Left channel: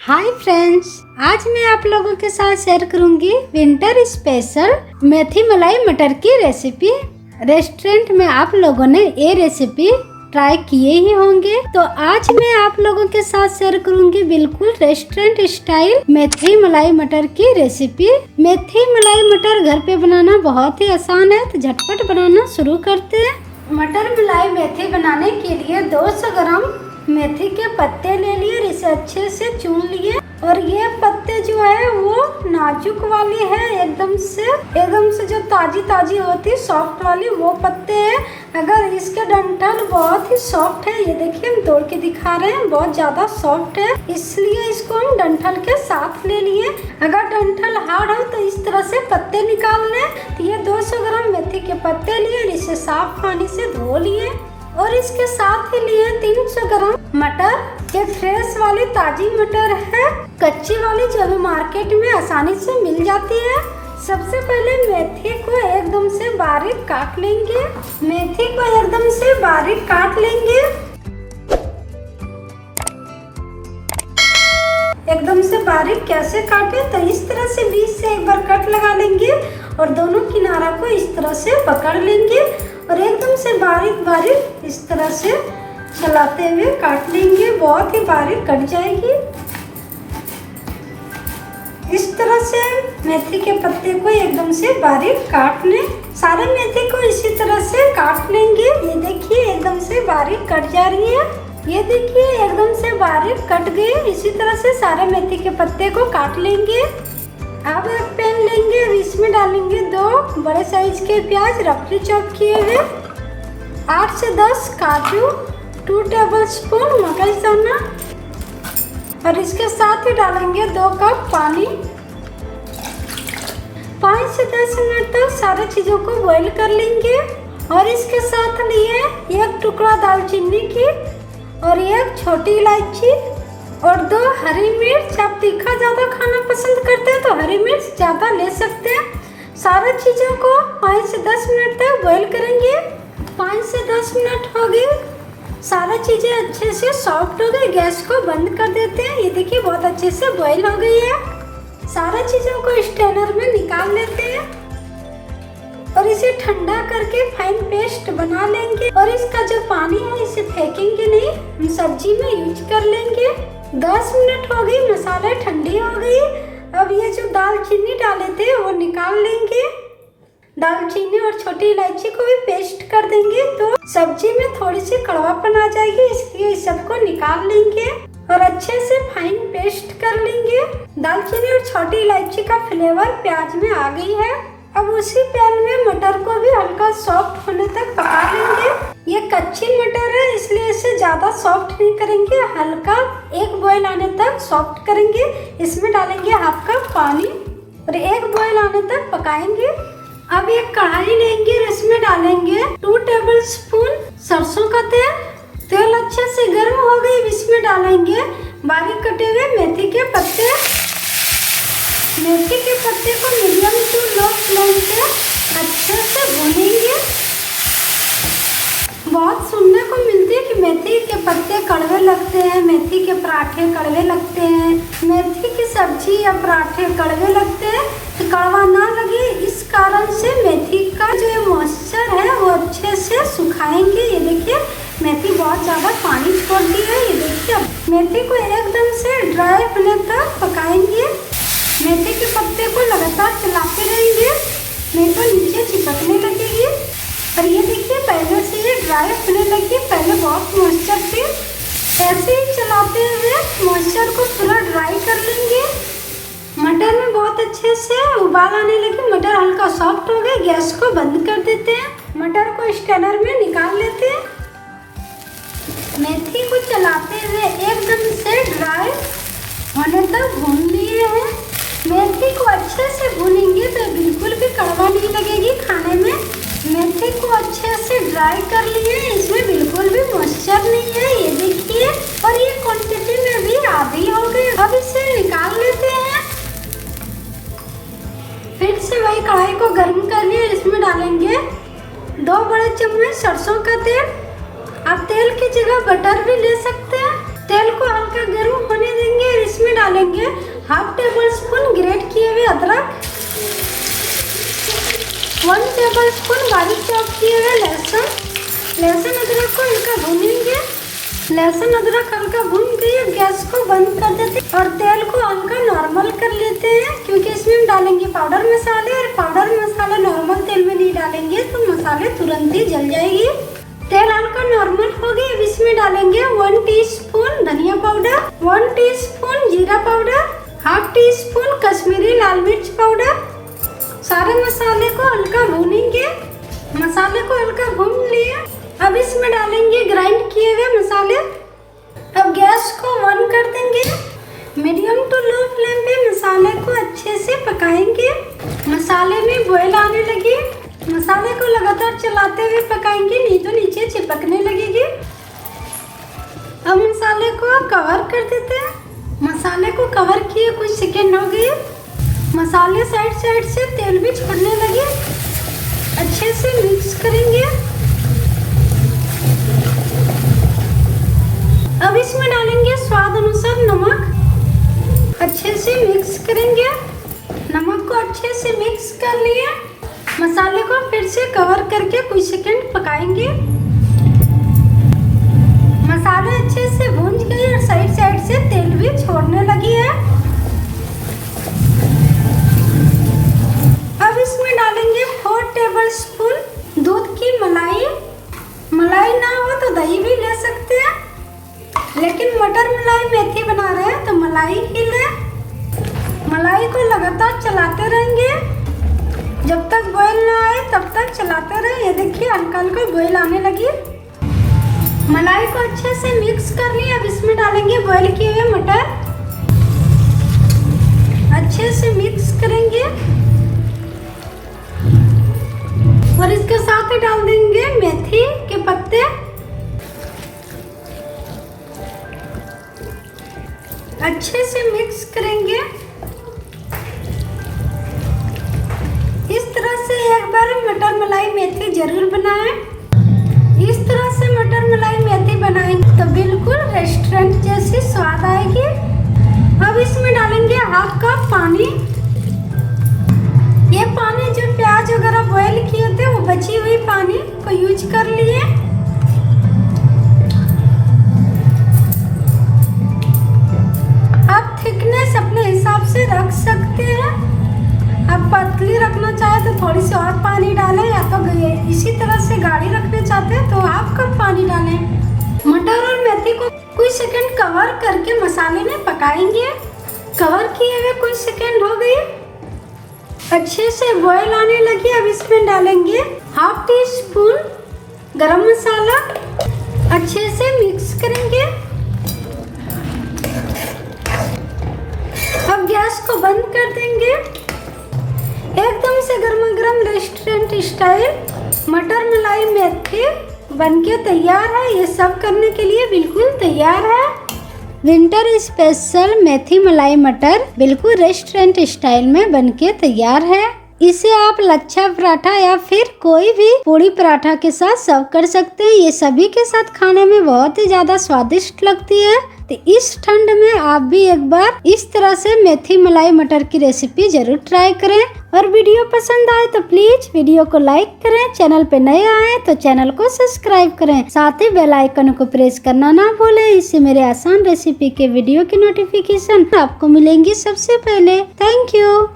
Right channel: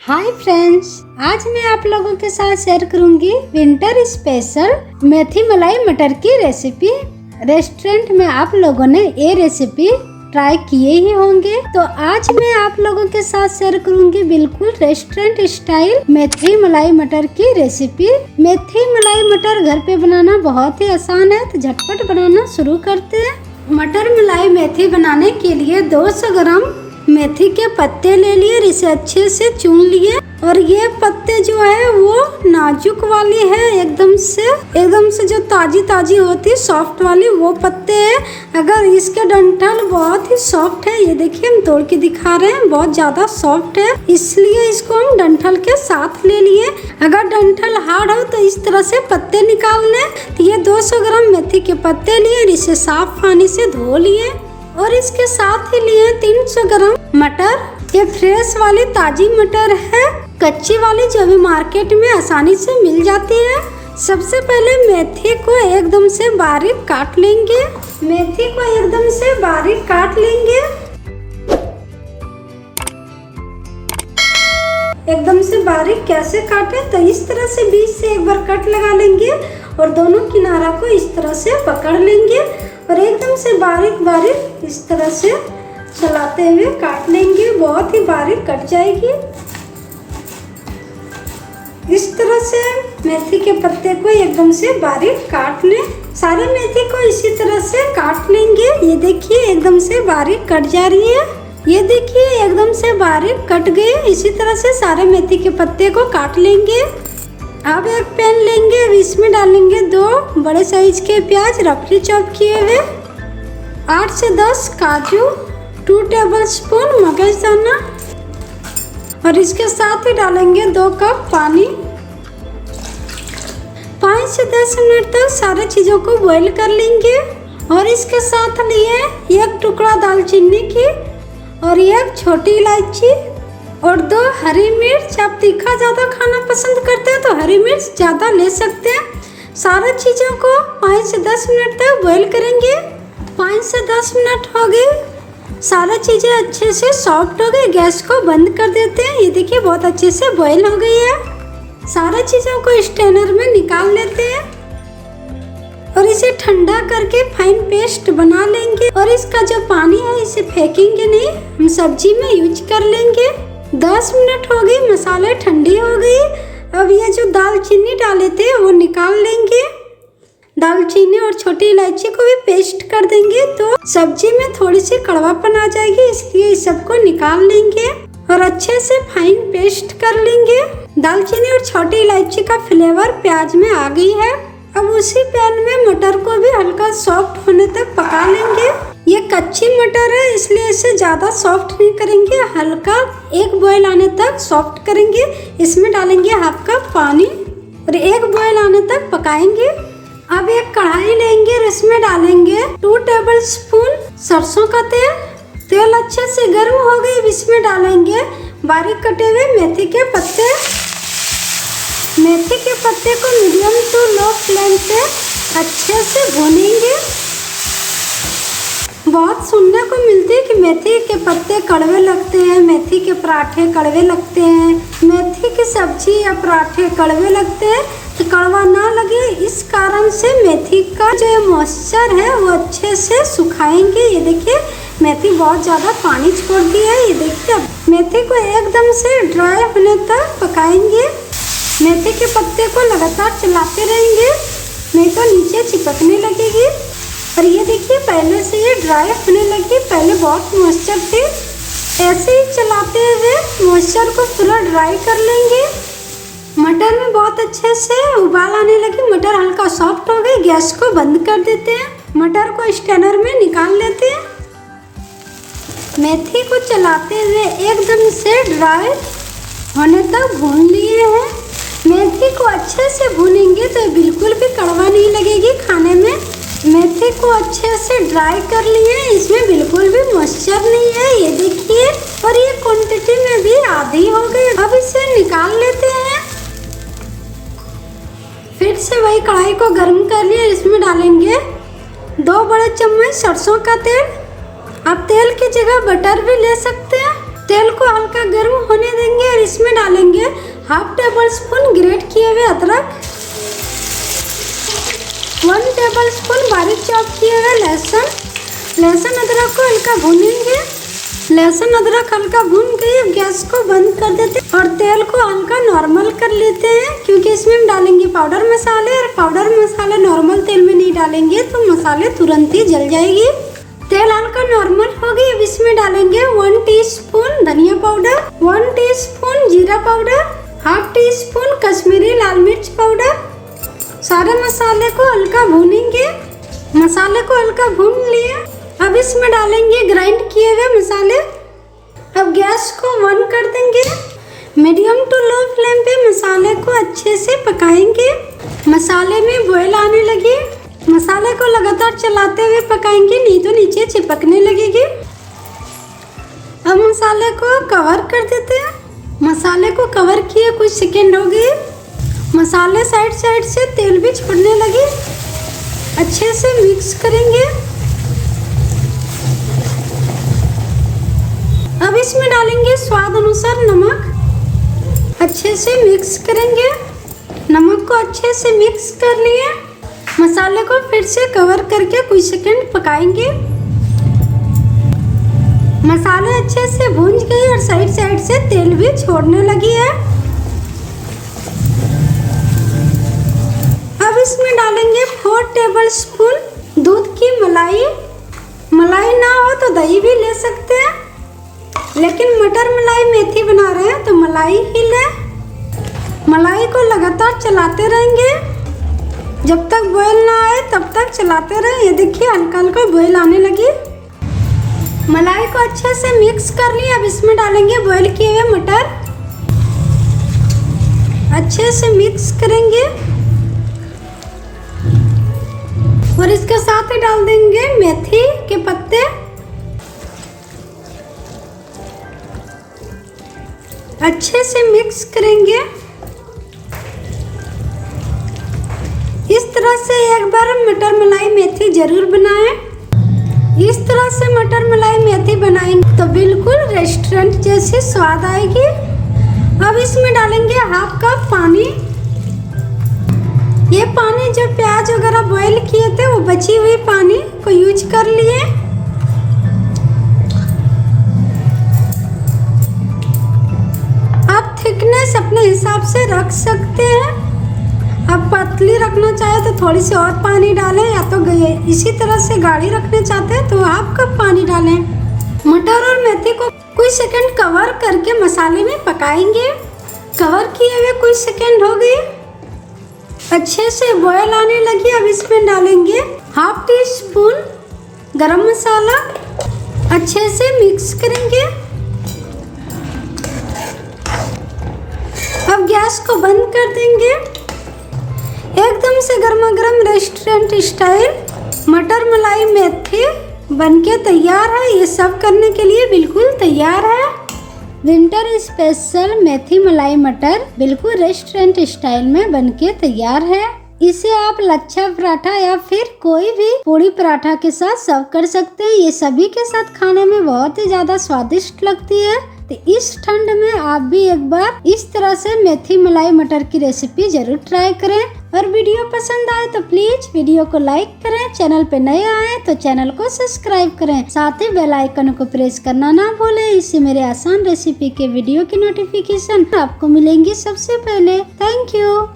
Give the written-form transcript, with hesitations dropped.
Hi friends, आज मैं आप लोगों के साथ शेयर करूंगी विंटर स्पेशल मेथी मलाई मटर की रेसिपी। रेस्टोरेंट में आप लोगों ने ये रेसिपी ट्राई किए ही होंगे, तो आज मैं आप लोगों के साथ शेयर करूंगी बिल्कुल रेस्टोरेंट स्टाइल मेथी मलाई मटर की रेसिपी। मेथी मलाई मटर घर पे बनाना बहुत ही आसान है, तो झटपट बनाना शुरू करते हैं। मटर मलाई मेथी बनाने के लिए 200 ग्राम मेथी के पत्ते ले लिए और इसे अच्छे से चुन लिए। और ये पत्ते जो है वो नाजुक वाली है, एकदम से जो ताजी होती सॉफ्ट वाली वो पत्ते है। अगर इसके डंठल बहुत ही सॉफ्ट है, ये देखिए हम तोड़ के दिखा रहे हैं, बहुत ज्यादा सॉफ्ट है, इसलिए इसको हम डंठल के साथ ले लिए। अगर डंठल हार्ड हो तो इस तरह से पत्ते निकाल लें। तो ये 200 ग्राम मेथी के पत्ते लिए और इसे साफ पानी से धो लिए। और इसके साथ ही लिए 300 ग्राम मटर। ये फ्रेश वाली ताजी मटर है, कच्ची वाली जो भी मार्केट में आसानी से मिल जाती है। सबसे पहले मेथी को एकदम से बारीक काट लेंगे। मेथी को एकदम से बारीक काट लेंगे, एकदम से बारीक कैसे काटे, तो इस तरह से बीच से एक बार कट लगा लेंगे और दोनों किनारा को इस तरह से पकड़ लेंगे और एकदम से बारीक इस तरह से चलाते हुए काट लेंगे। बहुत ही बारीक कट जाएगी। इस तरह से मेथी के पत्ते को एकदम से बारीक काट लें। सारे मेथी को इसी तरह से काट लेंगे। ये देखिए एकदम से बारीक कट जा रही है, ये देखिए एकदम से बारीक कट गए। इसी तरह से सारे मेथी के पत्ते को काट लेंगे। अब एक पैन लेंगे और इसमें डालेंगे 2 बड़े साइज के प्याज रफली चॉप किए हुए, 8 से 10 काजू, 2 टेबलस्पून मगजदाना और इसके साथ ही डालेंगे 2 कप पानी। 5 से 10 मिनट तक सारी चीजों को बॉईल कर लेंगे। और इसके साथ लिए 1 टुकड़ा दालचीनी की और 1 छोटी इलायची और 2 हरी मिर्च। आप तीखा ज़्यादा खाना पसंद करते हैं तो हरी मिर्च ज़्यादा ले सकते हैं। सारी चीज़ों को 5 से 10 मिनट तक बॉईल करेंगे। 5 से 10 मिनट हो गए, सारी चीज़ें अच्छे से सॉफ्ट हो गई। गैस को बंद कर देते हैं। ये देखिए बहुत अच्छे से बॉईल हो गई है। सारी चीज़ों को स्ट्रेनर में निकाल लेते हैं और इसे ठंडा करके फाइन पेस्ट बना लेंगे। और इसका जो पानी है इसे फेंकेंगे नहीं, हम सब्जी में यूज कर लेंगे। 10 मिनट हो गई, मसाले ठंडे हो गई। अब ये जो दालचीनी डाले थे वो निकाल लेंगे। दालचीनी और छोटी इलायची को भी पेस्ट कर देंगे, तो सब्जी में थोड़ी सी कड़वापन आ जाएगी, इसलिए इस सबको निकाल लेंगे और अच्छे से फाइन पेस्ट कर लेंगे। दालचीनी और छोटी इलायची का फ्लेवर प्याज में आ गई है। अब उसी पैन में मटर को भी हल्का सॉफ्ट होने तक पका लेंगे। ये कच्ची मटर है, इसलिए इसे ज्यादा सॉफ्ट नहीं करेंगे, हल्का 1 बॉईल आने तक सॉफ्ट करेंगे। इसमें डालेंगे 1/2 कप पानी और 1 बॉईल आने तक पकाएंगे। अब एक कढ़ाई लेंगे और इसमें डालेंगे 2 टेबलस्पून सरसों का तेल। तेल अच्छे से गर्म हो गई, इसमें डालेंगे बारीक कटे हुए मेथी के पत्ते। मेथी के पत्ते को मीडियम टू लो फ्लेम पे अच्छे से भूनेंगे। बहुत सुनने को मिलती है कि मेथी के पत्ते कड़वे लगते हैं, मेथी के पराठे कड़वे लगते हैं, मेथी की सब्जी या पराठे कड़वे लगते हैं। कि कड़वा ना लगे इस कारण से मेथी का जो मॉइस्चर है वो अच्छे से सुखाएंगे। ये देखिए मेथी बहुत ज़्यादा पानी छोड़ दिया है। ये देखिए मेथी को एकदम से ड्राई होने तक पकाएंगे। मेथी के पत्ते को लगातार चलाते रहेंगे, नहीं तो नीचे चिपकने लगेगी। और ये देखिए पहले से ये ड्राई होने लगी, पहले बहुत मॉइस्चर थे। ऐसे ही चलाते हुए मॉइस्चर को पूरा ड्राई कर लेंगे। मटर में बहुत अच्छे से उबाल आने लगी, मटर हल्का सॉफ्ट हो गई। गैस को बंद कर देते हैं, मटर को स्ट्रेनर में निकाल लेते हैं। मेथी को चलाते हुए एकदम से ड्राई होने तक भून लिए हैं। मेथी को अच्छे से भूनेंगे तो बिल्कुल भी कड़वा नहीं लगेगी खाने में। मेथी को अच्छे से ड्राई कर लिए, इसमें बिल्कुल भी मॉइस्चर नहीं है। ये देखिए, और ये क्वांटिटी में भी आधी हो गई। अब इसे निकाल लेते हैं। फिर से वही कढ़ाई को गर्म कर लिए, इसमें डालेंगे 2 बड़े चम्मच सरसों का तेल। आप तेल की जगह बटर भी ले सकते हैं। तेल को हल्का गर्म होने देंगे और इसमें डालेंगे लहसुन अदरक को हल्का भूनेंगे। लहसुन अदरक हल्का भून गई, अब गैस को बंद कर देते और तेल को हल्का नॉर्मल कर लेते हैं, क्योंकि इसमें हम डालेंगे पाउडर मसाले और पाउडर मसाला नॉर्मल तेल में नहीं डालेंगे तो मसाले तुरंत ही जल जाएगी। तेल हल्का नॉर्मल हो गई, अब इसमें डालेंगे 1 टीस्पून धनिया पाउडर, 1 टीस्पून जीरा पाउडर, हाफ टीस्पून कश्मीरी लाल मिर्च पाउडर। सारे मसाले को हल्का भूनेंगे। मसाले को हल्का भून लिया, अब इसमें डालेंगे ग्राइंड किए हुए मसाले। अब गैस को ऑन कर देंगे। मीडियम टू लो फ्लेम पे मसाले को अच्छे से पकाएंगे। मसाले में बॉयल आने लगी, मसाले को लगातार चलाते हुए पकाएंगे, नहीं तो नीचे चिपकने लगेगी। अब मसाले को कवर कर देते हैं। मसाले को कवर किए कुछ सेकेंड हो गए। मसाले साइड साइड से तेल भी छोड़ने लगे। अच्छे से मिक्स करेंगे। अब इसमें डालेंगे स्वाद अनुसार नमक। अच्छे से मिक्स करेंगे। नमक को अच्छे से मिक्स कर लिए। मसाले को फिर से कवर करके कुछ सेकंड पकाएंगे। मसाले अच्छे से भून गए और साइड साइड से तेल भी छोड़ने लगी है। अब इसमें डालेंगे 4 टेबलस्पून दूध की मलाई। मलाई ना हो तो दही भी ले सकते हैं, लेकिन मटर मलाई मेथी बना रहे हैं तो मलाई ही लें। मलाई को लगातार चलाते रहेंगे जब तक बॉयल ना आए, तब तक चलाते रहें। ये देखिए हल्का हल्का बॉयल आने लगी। मलाई को अच्छे से मिक्स कर लिया। अब इसमें डालेंगे बॉयल किए हुए मटर। अच्छे से मिक्स करेंगे और इसके साथ ही डाल देंगे मेथी के पत्ते। अच्छे से मिक्स करेंगे। इस तरह से एक बार मटर मलाई मेथी जरूर बनाएं। इस तरह से मटर मलाई मेथी बनाएंगे तो बिल्कुल रेस्टोरेंट जैसी स्वाद आएगी। अब इसमें डालेंगे हाफ कप पानी। ये पानी जो प्याज वगैरह बॉयल किए थे वो बची हुई पानी को यूज कर लिए। आप थिकनेस अपने हिसाब से रख सकते हैं। आप पतली रखना चाहे तो थोड़ी सी और पानी डालें, या तो इसी तरह से गाढ़ी रखना चाहते हैं तो हाफ कप पानी डालें। मटर और मेथी को कुछ सेकंड कवर करके मसाले में पकाएंगे। कवर किए हुए कुछ सेकंड हो गए, अच्छे से बॉयल आने लगी। अब इसमें डालेंगे हाफ टी स्पून गरम मसाला। अच्छे से मिक्स करेंगे। अब गैस को बंद कर देंगे। एकदम से गर्मा गर्म रेस्टोरेंट स्टाइल मटर मलाई मेथी बनके तैयार है। ये सब करने के लिए बिल्कुल तैयार है। विंटर स्पेशल मेथी मलाई मटर बिल्कुल रेस्टोरेंट स्टाइल में बनके तैयार है। इसे आप लच्छा पराठा या फिर कोई भी पूड़ी पराठा के साथ सर्व कर सकते हैं। ये सभी के साथ खाने में बहुत ही ज्यादा स्वादिष्ट लगती है। तो इस ठंड में आप भी एक बार इस तरह से मेथी मलाई मटर की रेसिपी जरूर ट्राई करें। और वीडियो पसंद आए तो प्लीज वीडियो को लाइक करें। चैनल पे नए आए तो चैनल को सब्सक्राइब करें। साथ ही बेल आइकन को प्रेस करना ना भूलें। इससे मेरे आसान रेसिपी के वीडियो की नोटिफिकेशन आपको मिलेंगी सबसे पहले। Thank you.